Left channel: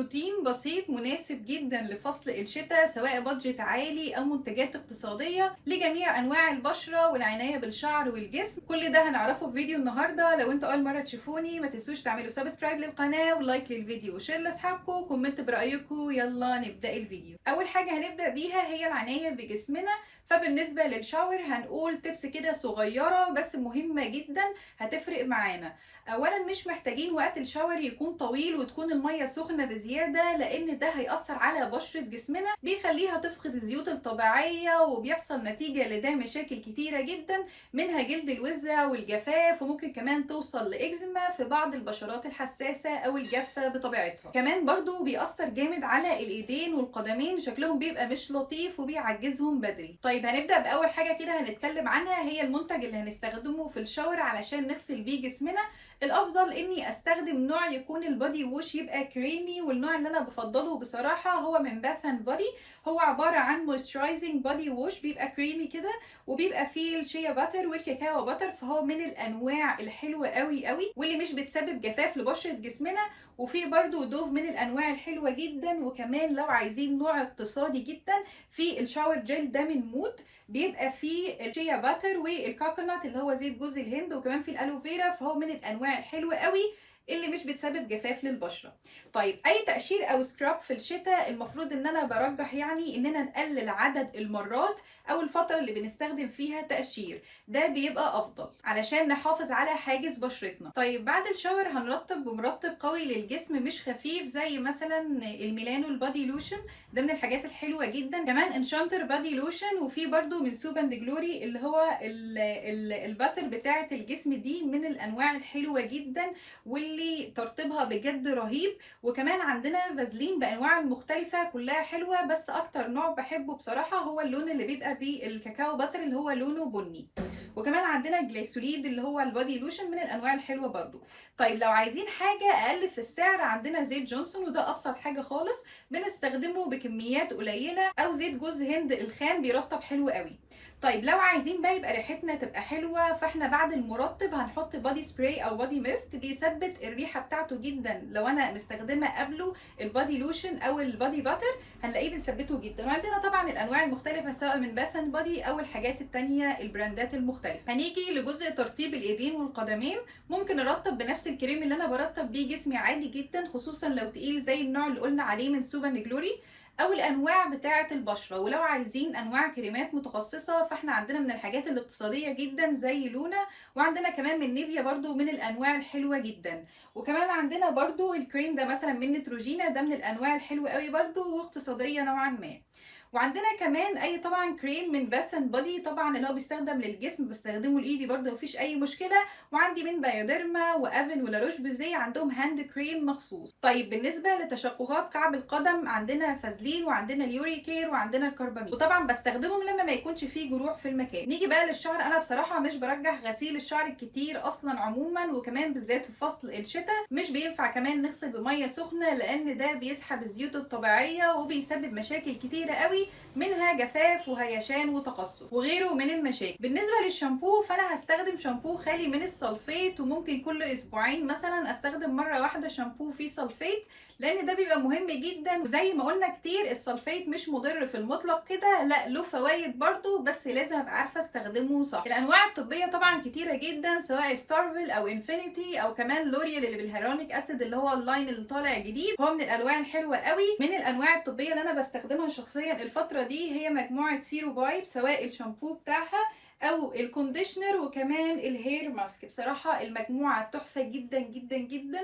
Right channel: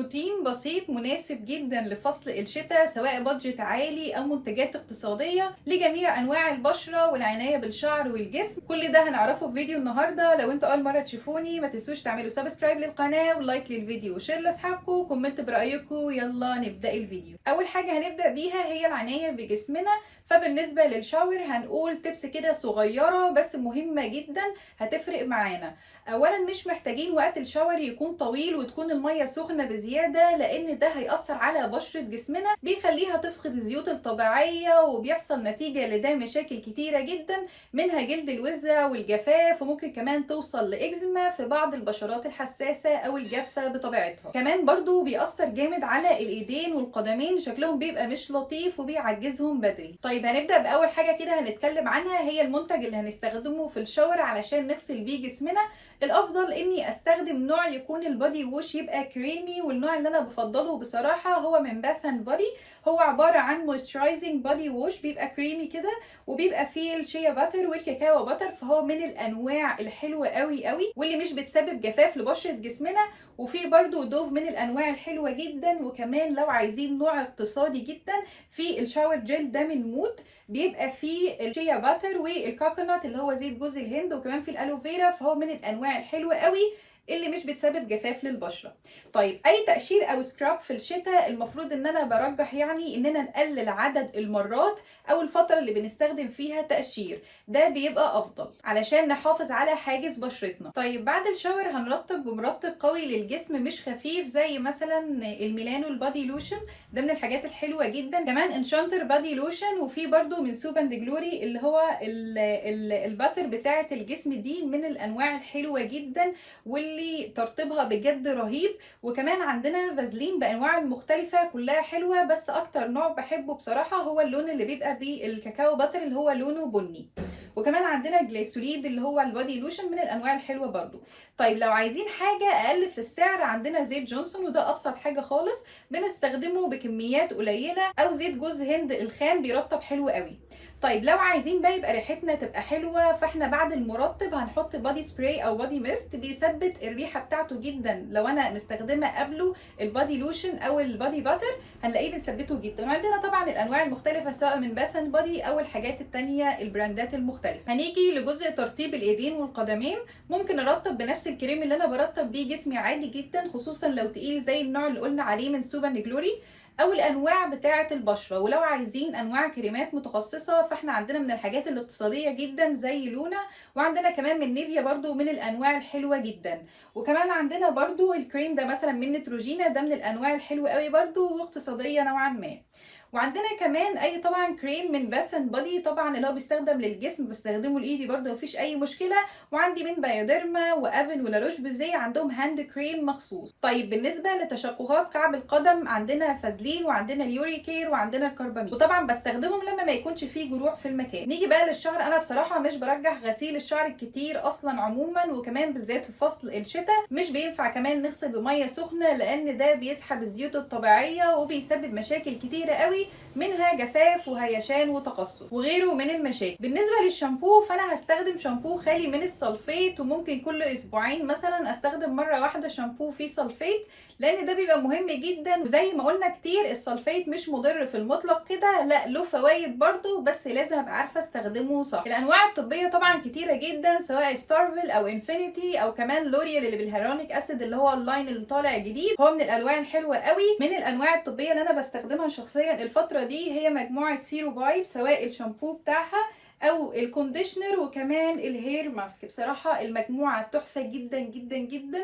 روتين بسيط مناسب جدا لفصل الشتاء، سواء بادجت عالي او منتجات اقتصادية لجميع انواع البشرة والعناية بالشعر والجسم. كل ده هنعرفه في فيديو النهاردة. لو انتوا اول مرة تشوفوني ما تنسوش تعملوا سبسكرايب للقناة ولايك للفيديو وشير لاصحابكم وكومنت برأيكم. يلا نبدأ الفيديو. اول حاجة هنبدأ بيها هي العناية بجسمنا. فبالنسبة للشاور هنقول تبس كده صغيرة بس مهمة جدا هتفرق معانا. اولا مش محتاجين وقت الشاور يكون طويل وتكون المية سخنة بزيادة، لان ده هيأثر على بشرة جسمنا، بيخليها تفقد الزيوت الطبيعية وبيحصل نتيجة لده مشاكل كتيرة جدا، منها جلد الوزة والجفاف، وممكن كمان توصل لإكزيما في بعض البشرات الحساسة او الجافة بطبيعتها. كمان برضو بيأثر جامد على الايدين والقدمين، شكلهم بيبقى مش لطيف وبيعجزهم بدري. طيب هنبدأ بأول حاجة كده هنتكلم عنها، هي المنتج اللي هنستخدمه في الشاور علشان نغسل بيه جسمنا. الافضل اني استخدم نوع يكون البادي ووش يبقى كريمي، والنوع اللي انا بفضله بصراحه هو من باث اند بودي. هو عباره عن مويسترايزنج بادي ووش، بيبقى كريمي كده وبيبقى فيه الشيا باتر والكاكاو باتر، فهو من الانواع الحلوه قوي قوي واللي مش بتسبب جفاف لبشره جسمنا. وفي برضو دوف من الانواع الحلوه جدا. وكمان لو عايزين نوع اقتصادي جدا، في الشاور جيل ده من مود، بيبقى فيه الشيا باتر والكوكونات اللي هو زيت جوز الهند، وكمان في الالوفيرا، فهو من الانواع الحلوه قوي اللي مش بتسبب جفاف للبشره. طيب اي تقشير او سكراب في الشتاء المفروض ان انا برجح يعني اننا نقلل عدد المرات او الفتره اللي بنستخدم فيها تقشير، ده بيبقى افضل علشان نحافظ على حاجز بشرتنا. طيب بعد الشاور هنرطب بمرطب قوي للجسم مش خفيف، زي مثلا الميلانو البادي لوشن، ده من الحاجات الحلوه جدا. كمان انشانتر بادي لوشن، وفي برضو من سوب اند جلوري اللي هو الباتر بتاعه الجسم، دي من الانواع الحلوه جدا واللي ترطيبها بجد رهيب. وكمان عندنا فازلين بانواع المختلفه كلها حلوه، بس اكتر نوع بحبه بصراحه هو اللون اللي بيبقى بالكاكاو باتر اللي هو لونه بني. وكمان عندنا جليسوليد اللي هو البادي لوشن من الانواع الحلوه برضو. طيب لو عايزين حاجه اقل في السعر، عندنا زيت جونسون، وده ابسط حاجه خالص، بنستخدمه بكميات قليله، او زيت جوز هند الخام بيرطب حلو قوي. طيب لو عايزين بقى يبقى ريحتنا تبقى حلوه، فاحنا بعد المرطب هنحط بادي سبراي او بادي ميست، بيثبت الريحه بتاعته جدا. لو انا مستخدمه قبله البادي لوشن او البادي باتر هنلاقيه بنثبته جدا. وعندنا طبعا الانواع المختلفه سواء من باث اند بودي او الحاجات التانية البراندات المختلفه. هنيجي لجزء ترطيب الايدين والقدمين. ممكن ارطب بنفس الكريم اللي انا برطب بيه جسمي عادي جدا، خصوصا لو تقيل زي النوع اللي قلنا عليه من سوب اند جلوري، او الانواع بتاعه البشره. ولو عايزين انواع كريمات متخصصه فاحنا عندنا من الحاجات الاقتصاديه جدا زي لونا، وعندنا كمان من نيفيا برضو من الانواع الحلوه جدا. وكمان عندنا برضو الكريم ده مثلا من نتروجينا، ده من الانواع الحلوه قوي برضو واقتصاديه نوعا ما. وعندنا كمان اي طبعا كريم من باث اند بودي، طبعا اللي هو بيستخدم للجسم بستخدمه لايدي برده مفيش اي مشكله. وعندي من بايوديرما وافن ولاروش بوزيه عندهم هاند كريم مخصوص. طيب بالنسبه لتشققات كعب القدم عندنا فازلين وعندنا اليوريكير وعندنا الكربامين، وطبعا بستخدمهم لما ما يكونش فيه جروح في المكان. نيجي بقى للشعر، انا بصراحه مش برجح غسيل الشعر الكتير اصلا عموما، وكمان بالذات في فصل الشتاء مش بينفع كمان نغسل بميه سخنه، لان ده بيسحب الزيوت الطبيعيه وبيسبب مشاكل كتيره قوي، منها جفاف وهيشان وتقصف وغيره من المشاكل. بالنسبه للشامبو فانا هستخدم شامبو خالي من السلفيت، وممكن كل اسبوعين مثلا استخدم مره واحده شامبو فيه سلفيت، لان ده بيبقى مهم جدا. وزي ما قلنا كتير السلفيت مش مضر في المطلق كده، لا له فوائد برضو، بس لازم ابقى عارفه استخدمه صح. الانواع الطبيه طبعا كتيره جدا، سواء ستارفل او انفينيتي او كمان لوريال اللي بالهيرونيك اسيد اللي هو اللاين اللي طالع جديد، هو من الانواع الحلوه قوي. من الانواع الطبيه اللي انا بستخدمها شخصيا الفتره دي هي مجموعه سيرو بايب، سواء الشامبو بتاعها او الكونديشنر وكمان الهير ماسك. بصراحه المجموعه تحفه جدا جدا جدا،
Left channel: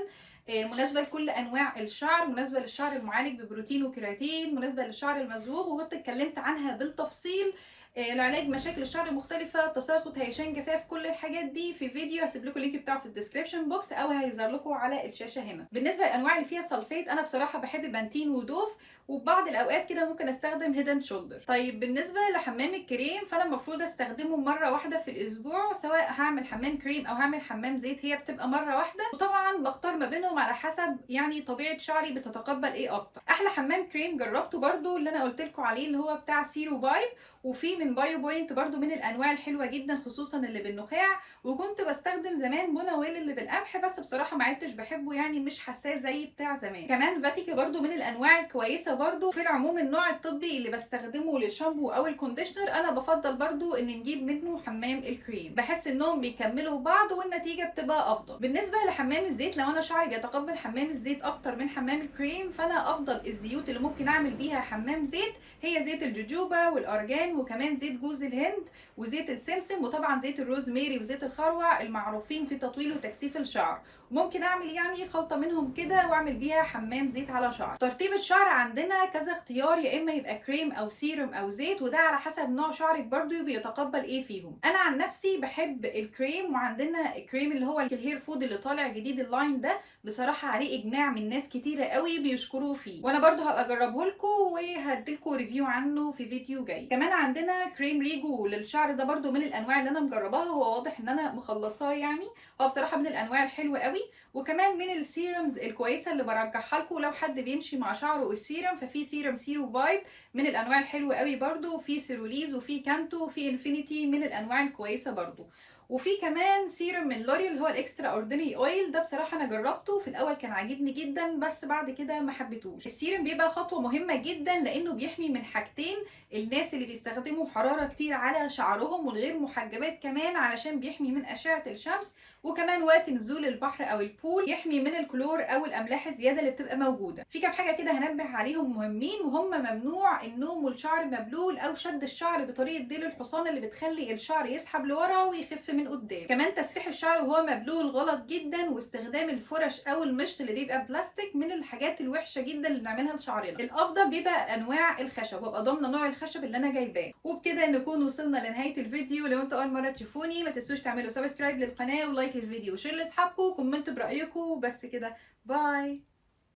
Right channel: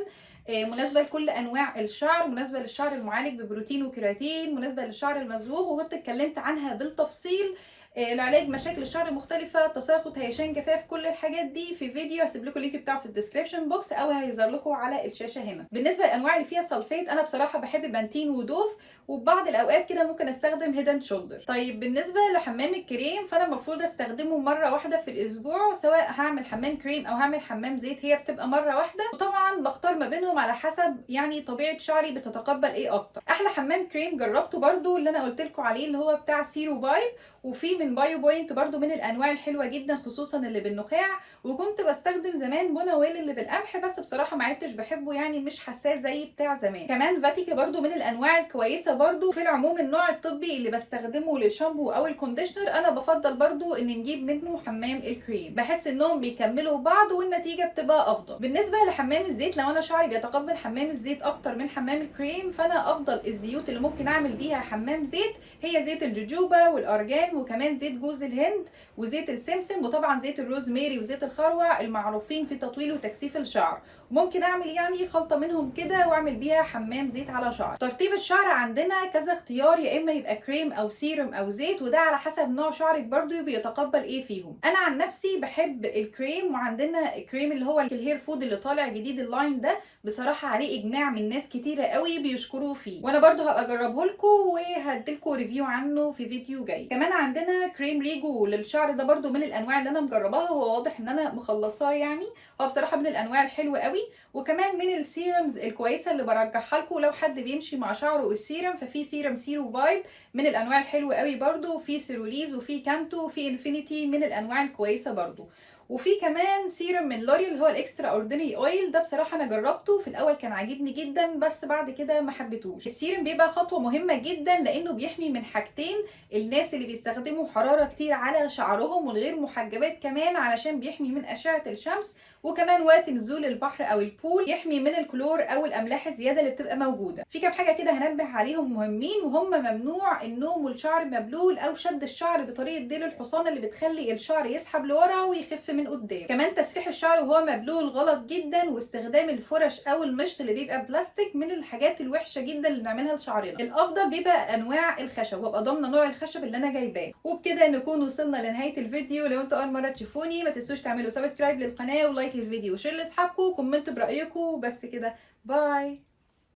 مناسبه لكل انواع الشعر، مناسبه للشعر المعالج ببروتين وكيراتين، مناسبه للشعر المصبوغ، وكنت اتكلمت عنها بالتفصيل لعلاج مشاكل الشعر المختلفه، تساقط، هيشان، جفاف، كل الحاجات دي في فيديو هسيب لكم اللينك بتاعه في الديسكربشن بوكس او هيظهر لكم على الشاشه هنا. بالنسبه للانواع اللي فيها سلفيت انا بصراحه بحب بانتين ودوف، وبعض الاوقات كده ممكن استخدم هيدن شولدر. طيب بالنسبه لحمام الكريم فانا المفروض استخدمه مره واحده في الاسبوع، سواء هعمل حمام كريم او هعمل حمام زيت هي بتبقى مره واحده، وطبعا بختار ما بينهم على حسب يعني طبيعه شعري بتتقبل ايه اكتر. احلى حمام كريم جربته برده اللي انا قلت لكم عليه اللي هو بتاع سيرو بايب، وفي من بايو بوينت برضو من الانواع الحلوه جدا، خصوصا اللي بالنخاع. وكنت بستخدم زمان بونويل اللي بالقمح، بس بصراحه ما عدتش بحبه، يعني مش حساه زي بتاع زمان. كمان فاتيكا برضو من الانواع الكويسه برضو. في العموم النوع الطبي اللي بستخدمه للشامبو او الكونديشنر انا بفضل برضو ان نجيب منه حمام الكريم، بحس انهم بيكملوا بعض والنتيجه بتبقى افضل. بالنسبه لحمام الزيت، لو انا شعري بيتقبل حمام الزيت اكتر من حمام الكريم، فانا افضل الزيوت اللي ممكن اعمل بيها حمام زيت هي زيت الجوجوبا والارجان، وكمان زيت جوز الهند وزيت السمسم، وطبعا زيت الروزميري وزيت الخروع المعروفين في تطويل وتكثيف الشعر. ممكن اعمل يعني خلطه منهم كده واعمل بيها حمام زيت على شعر. ترطيب الشعر عندنا كذا اختيار، يا اما يبقى كريم او سيروم او زيت، وده على حسب نوع شعرك برضو بيتقبل ايه فيهم. انا عن نفسي بحب الكريم، وعندنا الكريم اللي هو الهير فود اللي طالع جديد اللاين ده، بصراحه عليه اجماع من ناس كتيره قوي بيشكروه فيه، وانا برضو هبقى اجربه لكم وهديلكم ريفيو عنه في فيديو جاي. كمان عندنا كريم ريجو للشعر، ده برضو من الانواع اللي انا مجرباها، هو واضح ان انا مخلصاه يعني، هو بصراحه من الانواع الحلوه قوي. وكمان من السيرمز الكويسه اللي برجحها لكم لو حد بيمشي مع شعره السيرم، ففي سيرم سيرو فايب من الانواع الحلوه قوي برضو، وفي سيروليز وفي كانتو وفي انفينيتي من الانواع الكويسه برضو. وفي كمان سيرم من لوريال اللي هو الاكسترا اوردينري اويل، ده بصراحه انا جربته في الاول كان عاجبني جدا، بس بعد كده ما حبيتهوش. السيرم بيبقى خطوه مهمه جدا لانه بيحمي من حاجتين، الناس اللي بيستخدموا حراره كتير على شعرهم والغير محجبات كمان، علشان بيحمي من اشعه الشمس، وكمان وقت نزول البحر او البول يحمي من الكلور او الاملاح الزياده اللي بتبقى موجوده. في كام حاجه كده هنبه عليهم مهمين، وهم ممنوع النوم والشعر مبلول او شد الشعر بطريقه ديل الحصان اللي بتخلي الشعر يسحب لورا ويخف من قدام. كمان تسريح الشعر وهو مبلول غلط جدا، واستخدام الفرش او المشط اللي بيبقى بلاستيك من الحاجات الوحشه جدا اللي بنعملها لشعرنا. الافضل بيبقى انواع الخشب، وابقى ضامنه نوع الخشب اللي انا جايباه. وبكده نكون وصلنا لنهايه الفيديو. لو انتوا اول مره تشوفوني ما تنسوش تعملوا سبسكرايب للقناه ولايك للفيديو وشير لاصحابكم وكومنتوا برايكم. بس كده، باي.